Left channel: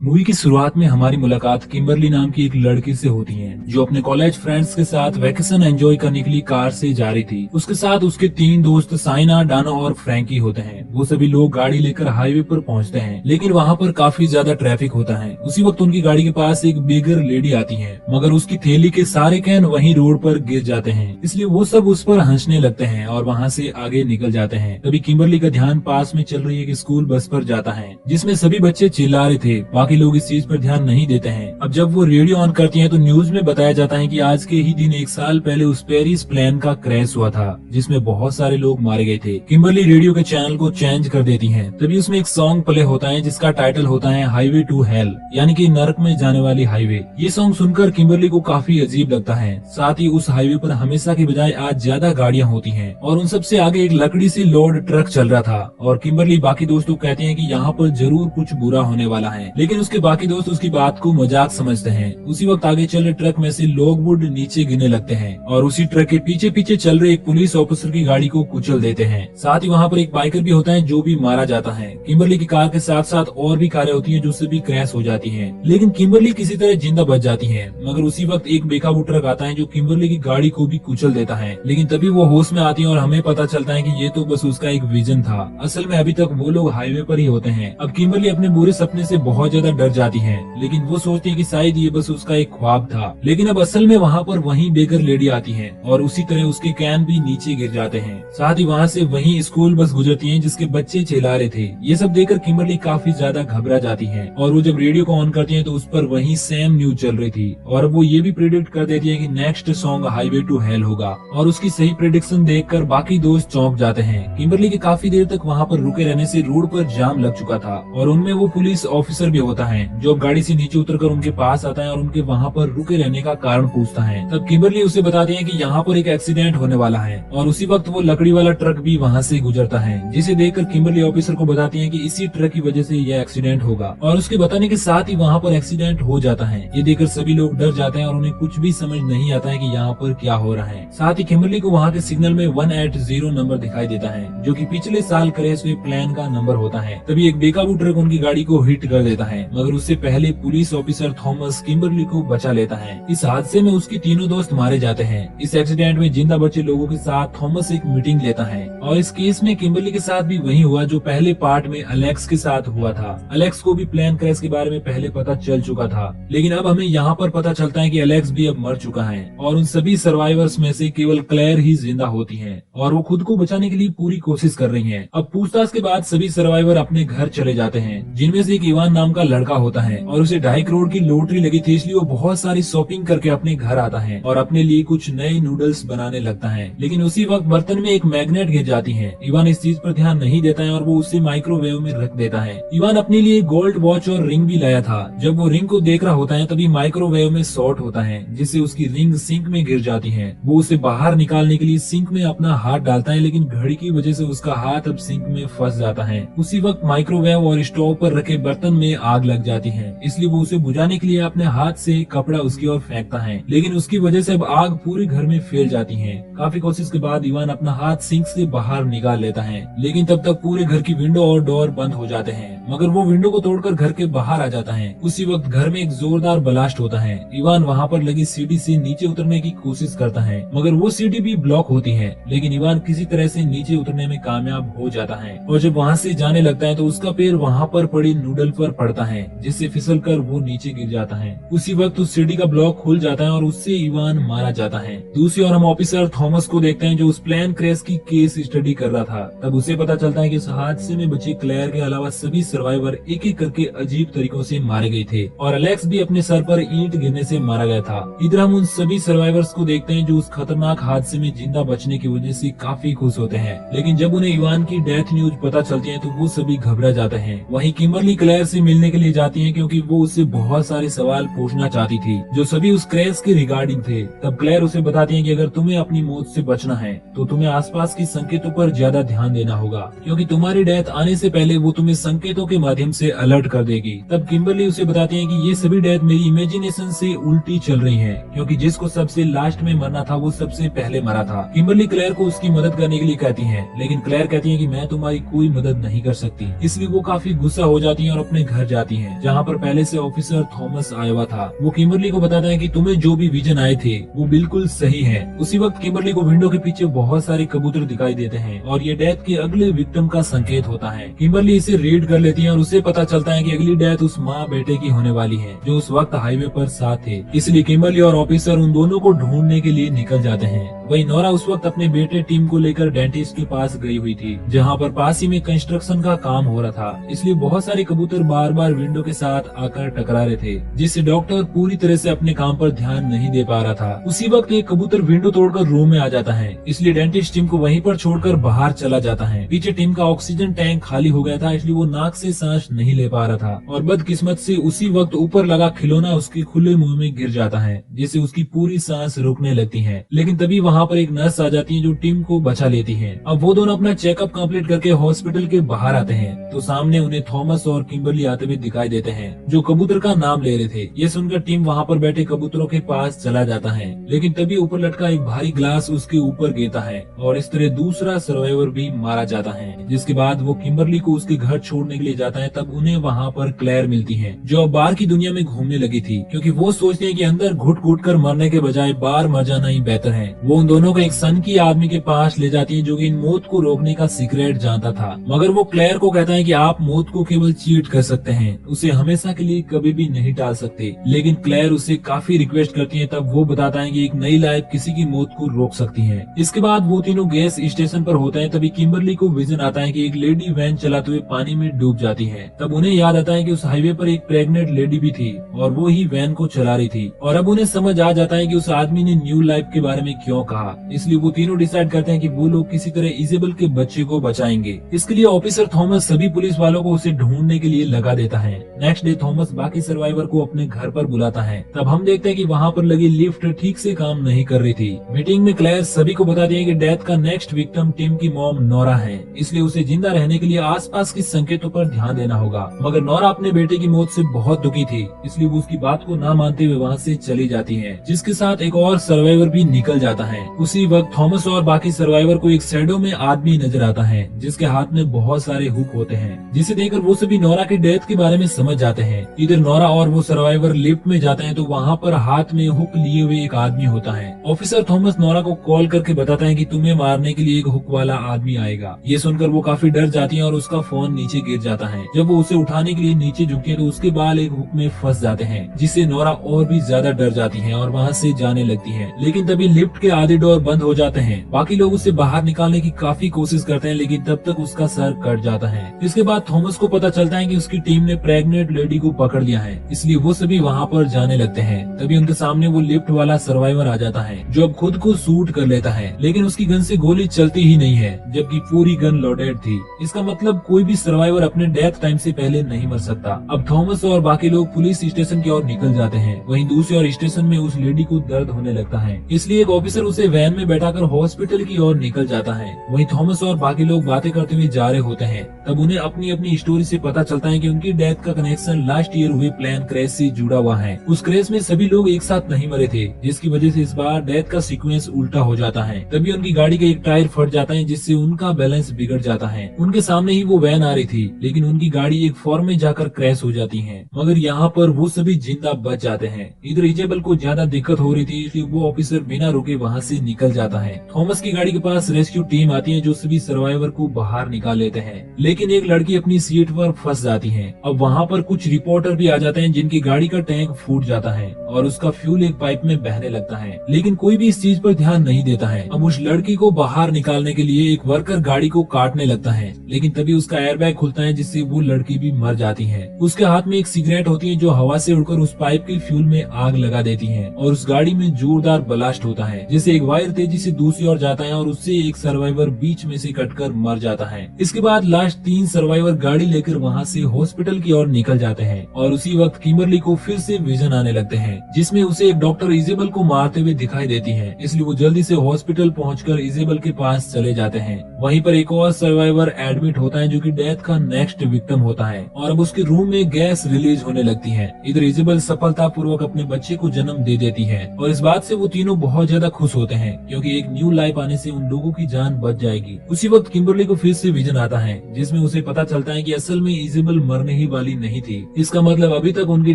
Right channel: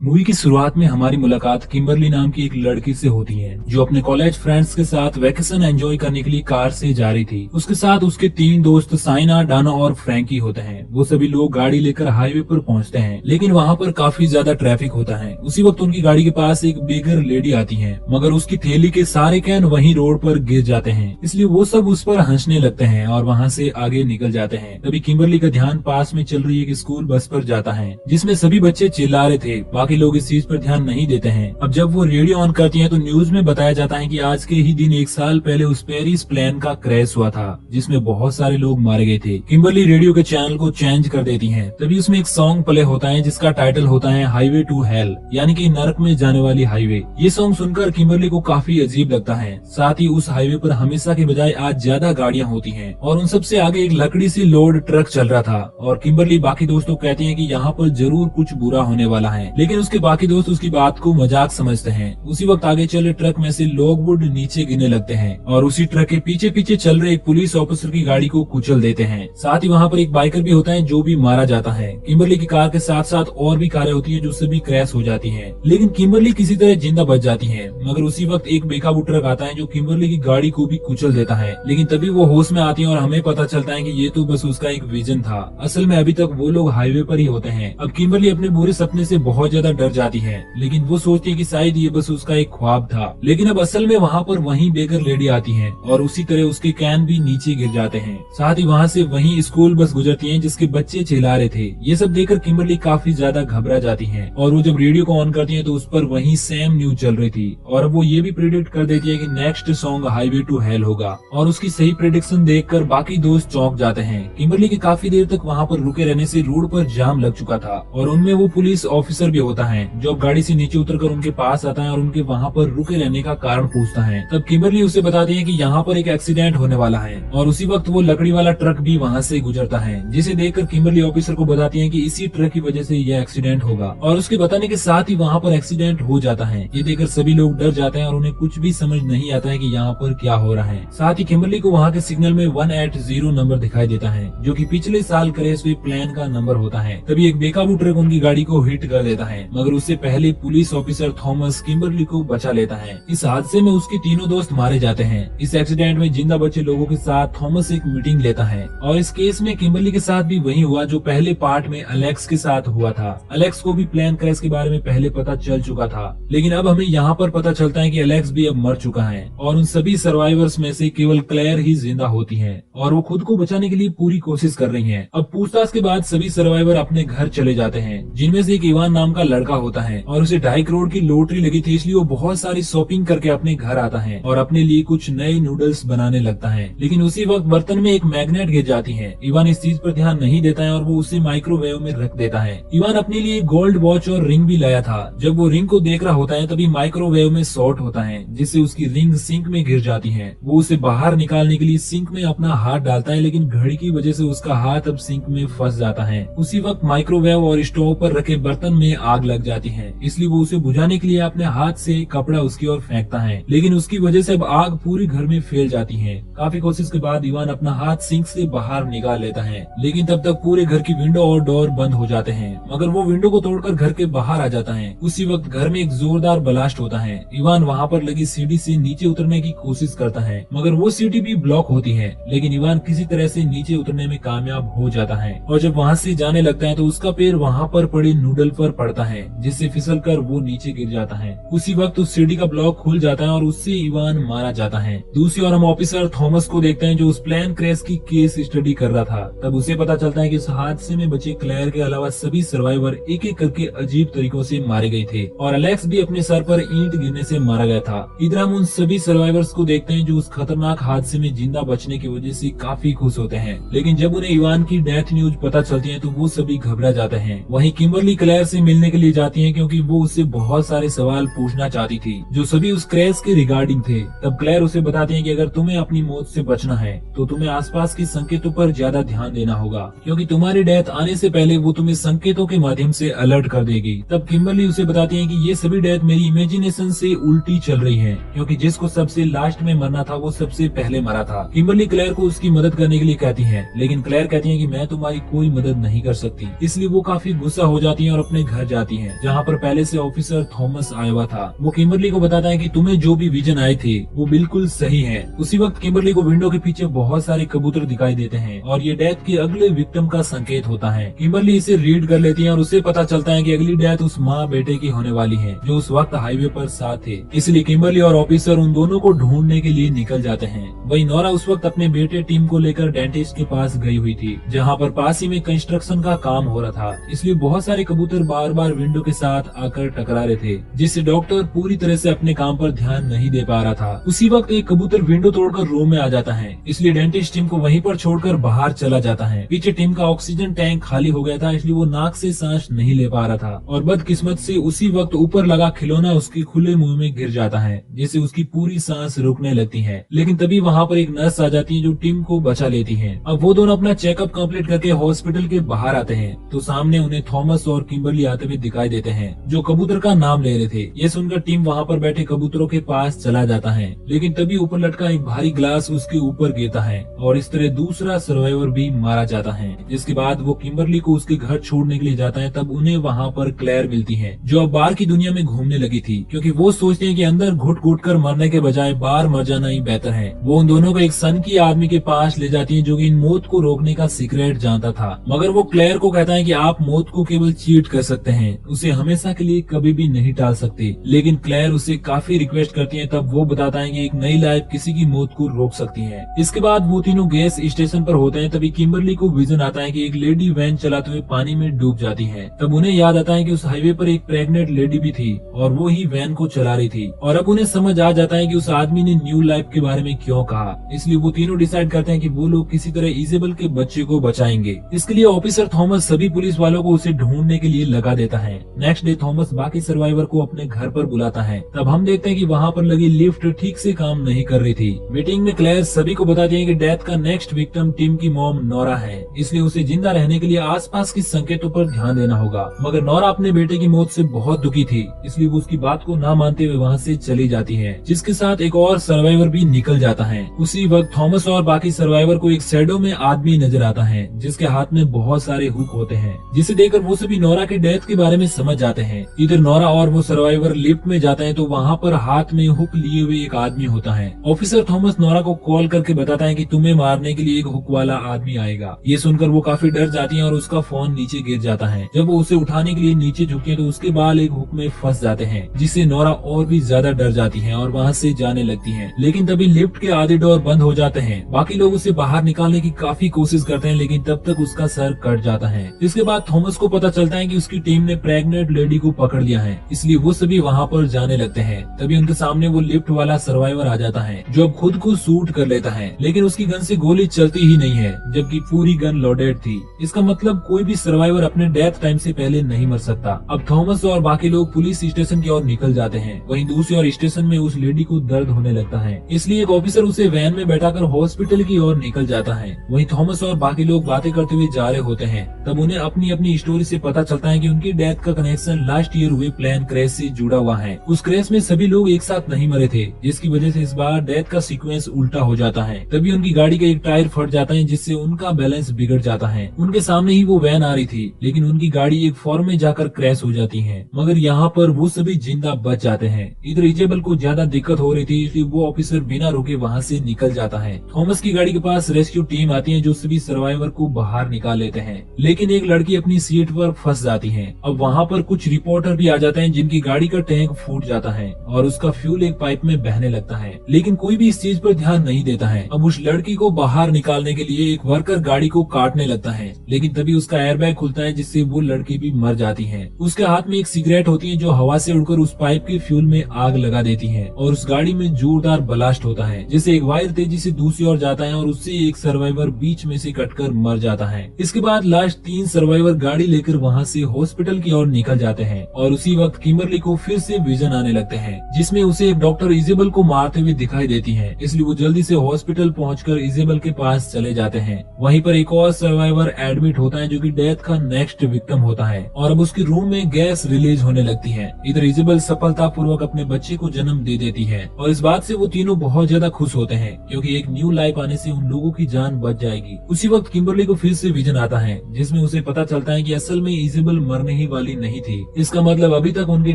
Movie की शुरुआत में हमारी मुलाकात किम्बरली नाम की एक लड़की से होती है जो अपने कॉलेज फ्रेंड्स के साथ वैकेशन एंजॉय करने के लिए कार से जा रही थी। उसके साथ उसके तीन दोस्त साइना, डानो और फ्रैंकी होते हैं। वो सभी लोग गाड़ी लेकर हाईवे पर पहुंचते हैं, लेकिन वहां पर काफी ज्यादा ट्रैफिक होता है। उसी वक्त उनकी गाड़ी के पास एक बेगर लेडी आती है, मगर उसकी थैली के सारे कैन वहीं रोड पर गिर जाते हैं, इसलिए वो सब उस पर हंसने लगते हैं और वहाँ से आगे निकल जाते हैं। तभी किम्बरली का ध्यान पास में चल रही एक स्कूल बस पर जाता है जिसमें सभी बच्चे चिल्ला रहे थे। बाकी लोग इस चीज पर ध्यान नहीं देते हैं। अब जब वो रेडियो ऑन करती हैं तो न्यूज में बताया जाता है कि आज के ही दिन 1 साल पहले उस पेरिस प्लेन का क्रैश हुआ था जिसमें बहुत सारे लोग मारे गए थे। किम्बरली रेडियो के चैनल को चेंज कर देती है। तभी उसमें एक सॉन्ग प्ले होता है जिसका टाइटल होता है हाईवे टू हेल, यानी कि नरक में जाने वाली हाईवे। ये सॉन्ग सुनकर किम्बरली को काफी अजीब लगता है। साथ ही उस हाईवे पर हमेशा की बजाय आज ज्यादा गाड़ियां होती हैं और उन सबसे आगे एक लकड़ी से लोड ट्रक चल रहा था। और किम्बरली बाकी दोस्तों को कहती है कि यहाँ पर जरूर कुछ बुरा होने वाला है, लेकिन उसके बाकी दोस्त उसकी बात को मजाक समझते हैं। उसी वक्त आगे चले ट्रक में से लोगवुड नीचे गिरने लगते हैं और उसी ट्रक के पीछे पीछे चल रहे एक पुलिस ऑफिसर की गाड़ी को कुचल देते हैं। साथ ही वहाँ पर एक बाइकर भी होता है जो भी मारा जाता है। किम्बरली की कार के साथ साथ और भी कारें होती है जो सभी क्रैश हो जाती है, लेकिन किम्बरली किसी तरह जिंदा बच जाती है। मगर उसी वक्त एक बेकाबू ट्रक आता है जो किम्बरली की गाड़ी को भी कुचल देता है, लेकिन तभी वो होश में आती है और हमें पता चलता है कि ये तो बस उसका एक विजन था। असल में अभी तक वो लोग हाईवे पर ही होते हैं। अब किम्बरली अपने बुरे सपने से बहुत ज्यादा डर जाती है, लेकिन वो सोचती है कि शायद ये बस उसका एक ख्वाब था। लेकिन अब असल में वहाँ पर वही बेकर लेडी आती है और उसी तरह उसके कैन भी नीचे गिर जाते हैं। साथ ही वहाँ से वही स्कूल बस गुजरती है जिसके बच्चे चिल्ला रहे थे। ये सब देखकर किम्बरली काफी ज्यादा घबरा जाती है और वो जब रेडियो को ऑन करती है तो उस पर वही सेम न्यूज चल रही थी और अब वो ये भी प्रेडिक्ट कर देती है कि next song highway to hell होगा। और उसकी सही प्रेडिक्शन देखकर बाकी दोस्त चौंक जाते हैं। किम्बरली के काफी देर तक वहाँ पर रुके रहने से रोड पर जाम लग चुका था और उनमें वो पुलिस ऑफिसर भी होता है जो गाड़ी से नीचे उतरकर उनके पास आता है और उनके वहाँ पर रुके रहने का कारण पूछता है। तब किम्बरली उसे बताती है कि यहाँ पर एक एक्सीडेंट होने वाला है और उसी वक्त वो लकड़ी वाला ट्रक भी वहाँ से गुजरता है, जिसे देखकर किम्बरली ऑफिसर को बताती है कि इसी ट्रक की वजह से यह एक्सीडेंट होगा। और उसके बताने के साथ ही वहाँ पर एक्सीडेंट हो जाता है। ये देखकर सभी लोग डर जाते हैं और उन्हें कुछ भी समझ नहीं आता है कि यहाँ पर क्या हो रहा है। साथ ही किम्बरली को वहाँ के सिग्नल में 180 नंबर दिखाई देता है जो कि पिछले साल क्रैश हुए प्लेन का नंबर होता है। तभी एक बेकाबू ट्रक उनकी गाड़ी को हिट कर देता है, मगर उससे पहले पुलिस ऑफिसर थॉमस किम्बरली को बचा लेता है। इस हादसे में उसके तीनों दोस्त मारे जाते हैं। इस एक्सीडेंट में जिंदा बचे लोगों के साथ थॉमस एक मीटिंग लेता है और इस केस में किम्बरली के साथ भी वही हुआ जो पहले पार्ट में अलेक्स के साथ हुआ था। अलेक्स को भी प्लेन क्रैश के बारे में पहले पता चल चुका था, लेकिन अब हमें यहाँ पर पता चलता है कि अलेक्स भी अब मर चुका है और उन सभी सर्वाइवर्स में से केवल क्लेयर ही जिंदा होती है और वो खुद को बचाने के लिए पूरी कोशिश कर रही है। अब पूछताछ के बाद सभी सर्वाइवर अपने घर चले जाते हैं, जिनमें से एक इवान नाम का लड़का होता है और उसे 2.5 करोड़ की लॉटरी लगी थी, इसलिए वो बहुत सारी शॉपिंग करके अपने घर आता है और अपने लिए कुछ नए नूडल्स बनाने लगता है। लेकिन उसी वक्त बर्तन में एक मैग्नेट गिर जाती है। इवान इस चीज पर ध्यान नहीं देता है और वो उसे माइक्रोवेव में रख देता है। इवान अपने लिए गोल्ड वॉच और रिंग भी लाया था। जब वो रिंग को देख रहा होता है तभी माइक्रोवेव में शॉर्ट होता है, जिससे उसकी रिंग सिंक में गिर जाती है। वो उसे बाहर निकालने के लिए सिंक में अपना हाथ डालता है, लेकिन घड़ी की वजह से उसका हाथ अब सिंक में फंस जाता है। उसी वक्त माइक्रोवेव और स्टोव पर रखे बर्तन में आग लग जाती है, इसलिए वो उसे बुझाने के लिए अपने हाथ से कपड़ा उसकी ओर फेंकता है, लेकिन उसकी वजह से अब आग पूरे घर में फैल जाती है। काफी कोशिश के बाद इवान अपना हाथ सिंक से बाहर निकाल लेता है, लेकिन तब तक पूरे घर की विंडो और डोर बंद हो जाते हैं, मगर वो विंडो को तोड़कर घर के बाहर आ जाता है। उसी वक्त घर में एक जोरदार ब्लास्ट होता है। इवान वहाँ पर लगी सीढ़ी से नीचे उतरने की कोशिश करता है, मगर वो सीढ़ी भी ब्लॉक होती है, लेकिन इवान किसी तरह से नीचे उतरने में कामयाब हो जाता है और जब वहाँ से जाने लगता है तो उसका पैर वहाँ पर पड़ी नूडल पर पड़ता है, जिससे फिसलकर वो नीचे गिर जाता है। उसी वक्त उस सीढ़ी का ब्लॉक खुल जाता है और उससे इवान मारा जाता है। दूसरी ओर हम ऑफिसर थॉमस को देखते हैं जो उस प्लेन क्रैश की केस स्टडी कर रहा था। तब उसे पता चलता है कि इस हादसे में बचे क्लेयर के अलावा सभी सर्वाइवर एक एक करके अजीब तरीकों से मारे गए थे और अलेक्स भी अपने सर पर ईंट गिरने से मारा गया था। इधर हम उन सभी सर्वाइवर्स को देखते हैं जो उस खतरनाक हादसे में जिंदा बचने की वजह से काफी खुश होते हैं, लेकिन जब उन्हें इवान की डेथ न्यूज पता चलती है तो वो सभी घबरा जाते हैं। वहीं किम्बरली क्लेयर से मिलने के लिए जाती है क्योंकि वो उससे बहुत सारे सवाल पूछ पूछना चाहती थी, जो सभी उस क्रैश के रिगार्डिंग थे। तब क्लेयर उसे बताती है कि अगर तुम्हें अपनी मौत से बचना है तो तुम्हें आसपास के संकेतों पर ज्यादा ध्यान देना होगा, क्योंकि तुम्हारी डेथ आने से पहले वो तुम्हें संकेतों के माध्यम से अलर्ट कर देगी। तब किम्बरली उसे बताती है कि ये सभी डेथ मेरी इमेजिनेशन से उल्टी चल रही है, क्योंकि जिसको सबसे लास्ट में मरना था वो सबसे पहले मरा था। किम्बरली क्लेयर को उसकी मदद करने के लिए कहती है, लेकिन क्लेयर कहती है कि मैं तुम्हारी कोई मदद नहीं कर सकती। इसलिए वो काफी गुस्सा हो जाती है और अपने घर जाती है, जहाँ पर पहले से ऑफिसर थॉमस आया हुआ था। वो किम्बरली को बताता है कि तुम्हें जो भी विजन आए थे वो बिल्कुल सही है। उसी वक्त किम्बरली को विंडो के पीछे बहुत सारे कबूतर दिखाई देते हैं और ये डेथ के अगले विक्टिम का संकेत होता है। किम्बरली इसे रीड कर लेती है और उसे पता चलता है कि अगली डेथ उस माँ बेटे की होने वाली है, जो उस वक्त हाईवे पर साथ थे। इसलिए किम्बरली और ऑफिसर उन दोनों को ढूंढने के लिए निकल जाते हैं। वहीं नोरा उस वक्त अपने बेटे टीम को लेकर डेंटिस्ट के पास गई हुई थी, जहाँ पर पास ही में कंस्ट्रक्शन का काम हो रहा था। इसलिए बहुत सारे कबूतर बार बार विंडो के साथ आकर टकरा रहे थे, जिससे डॉक्टर पूरी तरह से अपने काम पर ध्यान नहीं दे पा रहा था। उसी वक्त एक कबूतर विंडो तोड़कर रूम में आ जाता है, इसलिए डेंटिस्ट टीम को वहीं पर छोड़कर बाहर चला जाता है। पीछे टीम का ऑक्सीजन टैंक खाली हो गया था, इसलिए वो नाक से सांस नहीं ले पा रहा था और बदकिस्मत से उसी वक्त ऊपर लगा खिलौना उसके खुले मुंह में गिर जाता है, जिससे उसकी पूरी सांस रुकने लगती है। लेकिन तभी वहाँ पर एक नर्स आ जाती है जो टीम को बचा लेती है। अब वो दोनों अपना चेकअप कंप्लीट करके हॉस्पिटल के बाहर आते हैं तो सामने उन्हें थॉमस और किम्बरली आते हुए दिखाई देते हैं, जो कबूतर का नाम ले रहे थे। ये सुनकर टीम वहाँ पर बैठे कबूतरों के पास चला जाता है, लेकिन तभी ऊपर लटका एक भारी ग्लास उसके ऊपर गिरता है और इस तरह दूसरा सर्वाइवर भी मारा जाता है। जिसके बाद वो किम्बरली को उसके घर छोड़ने के लिए जाता है। तब उन्हें वहाँ पर क्लेयर मिलती है, जो अब बाहर की दुनिया में घूमने लगी थी, क्योंकि वो सोचते हैं कि अंदर घुट घुट कर मरने के बजाय बाहर मर जाना ही बेहतर है। वो उन दोनों को एक सन की आदमी के पास ले जाती है, जो कि इन मौत को रोकने का सीक्रेट जानता था। मगर वो क्लेयर को कहता है कि आप मौत को केवल चीट कर सकते हैं, उसे हमेशा के लिए कभी भी नहीं टाल सकते। लेकिन क्लेयर उसे काफी रिक्वेस्ट करती है। तब वो बताता है कि एक नई लाइफ किसी की मौत को रोक सकती है। इसके बाद वो तीनों गैस स्टेशन पर होते हैं। तभी किम्बरली को विजन आता है कि एक लेडी वैन चलाते हुए पानी में डूब जाती है। तब उन्हें याद आता है कि उस हाईवे पर एक प्रेग्नेंट लेडी भी थी और वो ही वैन को चला रही थी। और अब उन्हें समझ आ जाता है कि उस आदमी ने न्यू लाइफ के बारे में क्यों कहा। इसलिए वो तीनों डिसाइड करते हैं कि वो लोग किसी तरह इजेबल के बच्चे को बचाएंगे। इसके लिए ऑफिसर थॉमस सभी पुलिस वालों को उसे ढूंढने के लिए लगा देता है। नेक्स्ट डे थॉमस बाकी सर्वाइवर को अपने घर पर बुलाता है। तब हम देखते हैं कि वहाँ पर लगी लिफ्ट ठीक से काम नहीं कर रही थी। मीटिंग में क्लेयर सभी को बताती है कि डेथ का नेक्स्ट विक्टिम टीम की मॉम नोरा है, इसलिए उसे जिंदा रहने के लिए आसपास के संकेतों पर ध्यान देना होगा। मगर नोरा अपने बेटे की मौत से बहुत दुखी थी, इसलिए वो उसकी बात को ना मानते हुए वहाँ से चली जाती है, जिसके साथ एक और सर्वाइवर भी निकल जाता है। उसी वक्त थॉमस और बाकी सर्वाइवर को एक शैडो में आदमी नजर आता है, जिसके हाथ में बहुत सारे हुक होते हैं, जिसे देखकर वो सभी नोरा के डेथ के बारे में समझ जाते हैं। इधर नोरा और वो सर्वाइवर लिफ्ट में जाते हैं तो वहाँ पर हाथ में हुक लिए हुए एक आदमी होता है। ऑफिसर थॉमस नोरा को कॉल करके बताता है कि तुम्हें मारने के लिए एक हुक वाला आदमी आएगा। ये सुनकर वो काफी डर जाती है और उसका फोन नीचे गिर जाता है। जब वो उसे उठाने के लिए नीचे झुकी तो उसके बाल एक हुक में फंस जाते हैं, जिससे नोरा और भी ज्यादा डर जाती है और वहाँ से जाने लगती है। लेकिन तभी लिफ्ट के आधे डोर बंद हो जाते हैं। बाकी लोग उसे बाहर निकालने की काफी कोशिश करते हैं, लेकिन तब तक उसका सर कट जाता है। इसके बाद थॉमस को पता चलता है कि उसकी टीम ने प्रेग्नेंट लेडी को पकड़ लिया है, इसलिए वो सभी वहाँ पर जाने लगते हैं। तभी उनके सामने वो लिफ्ट वाला सर्वाइवर आ जाता है, जो अब खुद को शूट कर लेता है, लेकिन उसकी गन से गोली चलती ही नहीं है, जबकि पूरी गन लोडेड थी। इसका मतलब कोई भी सर्वाइवर अपने डेथ टाइम से पहले नहीं मर सकता। अब थॉमस और बाकी लोग पुलिस स्टेशन की ओर निकल जाते हैं। वहीं दूसरी ओर स्टेशन में उस लेडी को दर्द होने लगता है, इसलिए एक ऑफिसर उसे वैन में बैठाकर हॉस्पिटल की ओर निकल जाता है। वहीं थॉमस और बाकी लोग बातें करते हुए जा रहे होते हैं। तब उन्हें अपनी अपनी स्टोरी से पता चलता है कि उनकी डेथ का कनेक्शन लास्ट ईयर हुए प्लेन क्रैश से जुड़ा हुआ है। उस क्रैश में सभी लोग एक साथ नहीं मरे थे, जिसकी वजह से इस बार डेथ का सीक्वेंस उल्टा हो जाता है। तभी उनकी गाड़ी का एक टायर फट जाता है, जिससे उनका बैलेंस बिगड़ जाता है। उनके सामने ही वो वैन आ रही थी, लेकिन उनकी गाड़ी एक फॉर्म में जाकर क्रैश हो जाती है। मगर यहाँ पर वो सभी जिंदा बच जाते हैं। इधर इजेबल को ज्यादा दिक्कत हो रही थी, इसलिए वो ऑफिसर बिना रुके वहाँ से निकल जाता है। थॉमस की गाड़ी के पास रेस्क्यू टीम आती है, जो सभी सर्वाइवर को बाहर निकाल लेते हैं, लेकिन एक लड़की अपनी सीट पर फंस जाती है। अब वहाँ पर कुछ रिपोर्टर भी आ जाते हैं, जिनकी गाड़ी का टैंक फूट जाता है और उसका फ्यूल एक पाइप में बहने लगता है, लेकिन कोई भी इस चीज पर ध्यान नहीं देता है। अब उस लड़की को बाहर निकालने के लिए एक वर्कर गाड़ी को काटने लगता है, लेकिन तभी उसका एयरबैग खुलता है जिससे वो लड़की भी मर जाती है। उसके हाथ में एक सिगरेट होती है जो हवा से उड़कर उस पाइप के फ्यूल में आग लगा देती है और उस गाड़ी में जोरदार ब्लास्ट होता है, जिससे एक वायर तेजी से दूसरी ओर जाता है और उससे एक सर्वाइवर बीच में से कटकर मर जाता है। इसके बाद लास्ट 3 सर्वाइवर गाड़ी लेकर वहाँ से हॉस्पिटल की ओर निकल जाते हैं और उसी वक्त किम्बरली को फिर से विजन आने लगते हैं, जिसमें उसे एक डॉक्टर इजेबल को मारते हुए दिखाई देती है। इसलिए वो जल्दी से हॉस्पिटल पहुंचकर इजेबल के पास चले जाते हैं। वहीं पर एक और सर्वाइवर एडमिट होता है जो कि डेथ का नेक्स्ट विक्टिम होता है और अब उसके रूम में गैस रिलीज होने लगती है। इधर इजेबल सफलतापूर्वक अपने बच्चे को जन्म दे देती है और इस बात से वो तीनों बहुत ज्यादा खुश होते हैं क्योंकि एक न्यू लाइफ आने से उन लोगों की जान बच जाएगी। उसी वक्त किम्बरली को फिर से विजन आता है जिसमें उसे पता चलता है कि असल में इजेबल मरने ही वाली नहीं थी। इसका मतलब अभी तक उनकी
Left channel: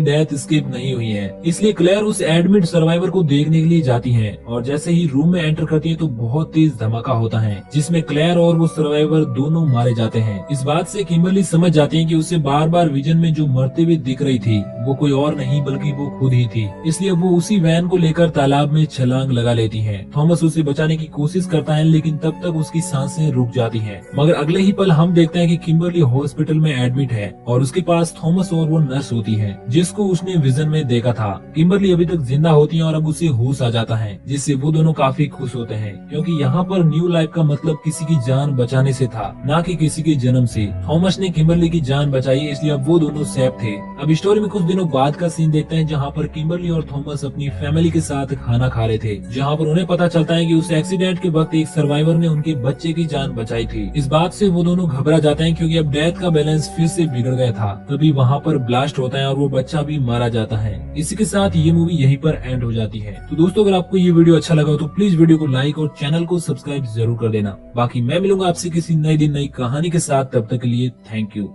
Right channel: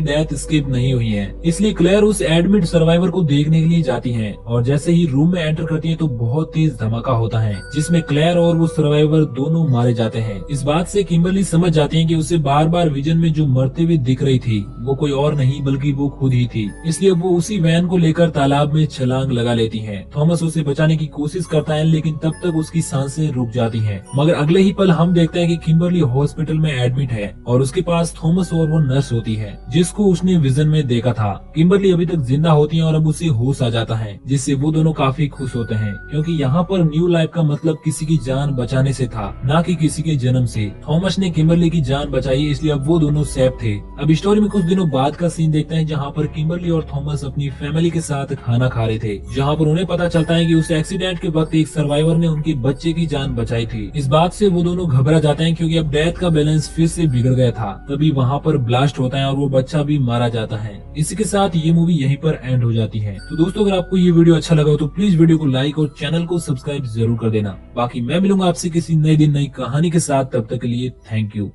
डेथ स्किप नहीं हुई है। इसलिए क्लेयर उस एडमिट सर्वाइवर को देखने के लिए जाती है और जैसे ही रूम में एंटर करती है तो बहुत तेज धमाका होता है जिसमें क्लेयर और वो सर्वाइवर दोनों मारे जाते हैं। इस बात से किम्बरली समझ जाती है कि उसे बार बार विजन में जो मरते हुए दिख रही थी वो कोई और नहीं बल्कि वो खुद ही थी। इसलिए वो उसी वैन को लेकर तालाब में छलांग लगा लेती है। थॉमस उसे बचाने की कोशिश करता है लेकिन तब तक उसकी सांसें रुक जाती हैं। मगर अगले ही पल हम देखते हैं कि किम्बरली हॉस्पिटल में एडमिट है और उसके पास थॉमस और वो नर्स होती है जिसको उसने विजन में देखा था। किम्बरली अभी तक जिंदा होती है और अब उसे होश आ जाता है जिससे वो दोनों काफी खुश होते हैं क्योंकि यहाँ पर न्यू लाइफ का मतलब किसी की जान बचाने से था, न कि किसी के जन्म से। थॉमस ने किम्बरली की जान बचाई इसलिए अब वो दोनों सेफ थे। अब स्टोरी में कुछ दिनों बाद का सीन देखते हैं जहाँ पर किम्बरली और थॉमस अपनी फैमिली के साथ खाना खा रहे थे, जहाँ पर उन्हें पता चलता है कि उस एक्सीडेंट के वक्त एक सर्वाइवर ने उनके बच्चे की जान बचाई थी। इस बात से वो दोनों घबरा जाते हैं क्योंकि अब डेथ का बैलेंस फिर से बिगड़ गया था। तभी वहाँ पर ब्लास्ट होता है और वो बच्चा भी मारा जाता है। इसी के साथ ये मूवी यहीं पर एंड हो जाती है। तो दोस्तों अगर आपको ये वीडियो अच्छा लगा हो तो प्लीज वीडियो को लाइक और चैनल को सब्सक्राइब जरूर कर देना। बाकी मैं मिलूंगा आपसे किसी नए दिन नई कहानी के साथ, तब तक के लिए थैंक यू।